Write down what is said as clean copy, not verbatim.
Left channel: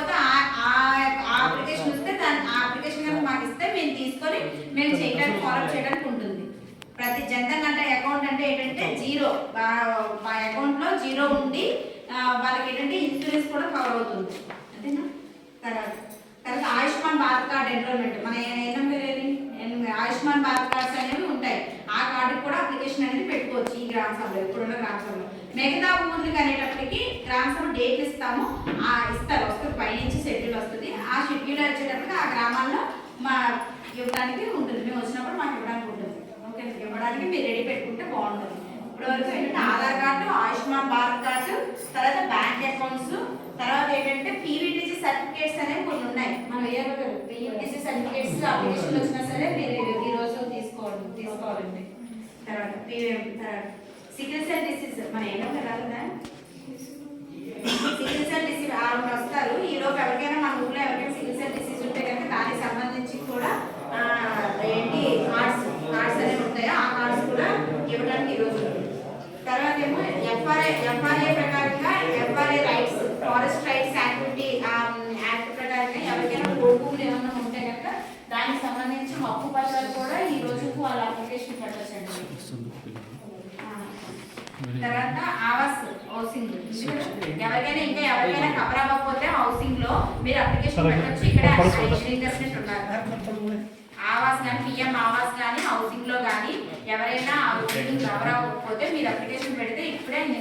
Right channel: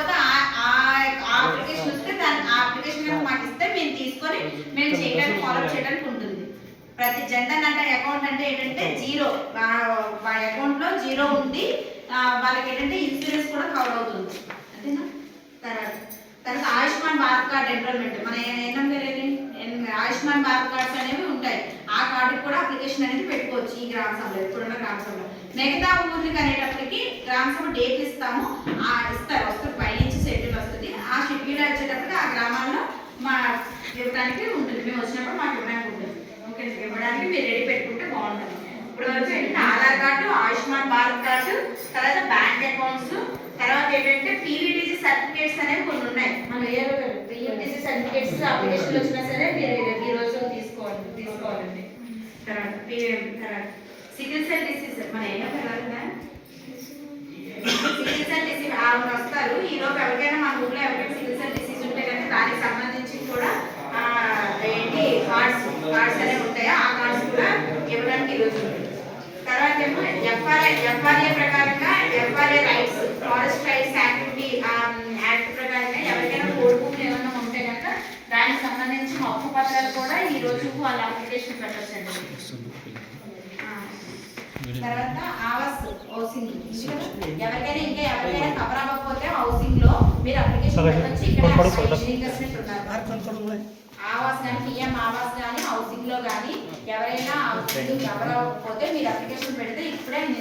లేకపోతే ఆ అప్లికేషన్ వస్తే దాని ఆ అప్లికేషన్ కనుక మాకు ఇస్తే మేము తీసుకొని మేము చేయడానికి ఫాలో చేయడానికి ఉంటుంది. ప్రతి జన్ధన్ అంటే అకౌంట్ అంటే ఏంటంటే జీరో, అకౌంట్ లో జీరో ఉంది, వాళ్ళకి ఏంటంటే ఇన్సూరెన్స్ కూడా కవర్ అవుతుంది. అంతేనా? తర్వాత ఆయుష్మాన్ భారత్ కార్డ్ ఎన్రోల్మెంట్ మన ఆయుష్మాన్ భారత్ కార్డ్స్ అనేవి ఉంటాయి. ఆ కార్డు కూడా అప్లికేషన్ అనేది పెట్టుకోవచ్చు ఈ గ్రామ సభలో, ఇప్పుడున్న గ్రామ సభలో. మిగతా ఊర్లకు అనేటప్పటికి గ్రామ సభ డేట్ ఇస్తాము, ఇస్తారు, వస్తుంది పైనుంచి షెడ్యూల్ వస్తుంది. ఆ షెడ్యూల్ వచ్చేటప్పటికి ఆ గ్రామాల్లో మా ఇవ్వడానికి ఉంటుంది, మేము వచ్చినప్పుడు మాకు ఇవ్వడానికి ఉంటుంది. ఓకే, ఇవ్వడానికి మీరు రెడీ పెట్టుకుంటే బాగుంటుంది. ఇప్పుడు వరకు ఏంటంటే ఆధార్ కార్డు, ఆయుష్మాన్ భారత్ కార్డు, తర్వాత బ్యాంక్ అకౌంట్స్, తర్వాత ఏంటంటే పీవీటీసీ సర్టిఫికేట్స్ అనేవి కొన్ని ఉన్నాయి. మనం పీవీటీసీ సర్టిఫికేట్స్ అప్లికేషన్లు వచ్చినా సరే మీరు ఈ రోజు తీసుకోవాలండి. తర్వాత సికిల్ సెల్ డిసీజ్ మన ఏమో కదా, సికిల్ సెల్ డిసీజ్ వస్తారు ఈ రోజు. ఎవరికైనా మన ఊళ్ళో ఎవరికైనా సికిల్ సెల్ డిసీజ్ ఉంటే కనుక దానికి సంబంధించి కూడా ఏంటి కార్డ్స్ అనేవి ఉంటాయో ఆ కార్డ్స్ కూడా ఇవ్వడానికి ఈరోజు ఉంటుంది. తర్వాత ఏమో ఎఫ్ఆర్ఏ ప్రకారంగా FRA rights, forest rights act ప్రకారంగా ఎవరికైనా కోర్టు ఏమైనా ఉంటే కనుక దానికి సంబంధించి హక్కు పత్రాలు కూడా ఈ రోజు వాళ్ళ అప్లికేషన్ పెట్టొచ్చండి. తర్వాత ఆవాస్ హౌసింగ్, ఎవరికైనా కవర్ అవ్వకపోతే హౌసింగ్ లో మీరు అప్లికేషన్ పెట్టొచ్చు. ఇక్కడ ఆవాస్ కానీ పిఎం ఆవాస్ కానీ హౌసింగ్ లో కానీ ఎవరైనా కవర్ అవ్వకపోతే మీరు అప్లికేషన్ పెడితే ఇప్పుడే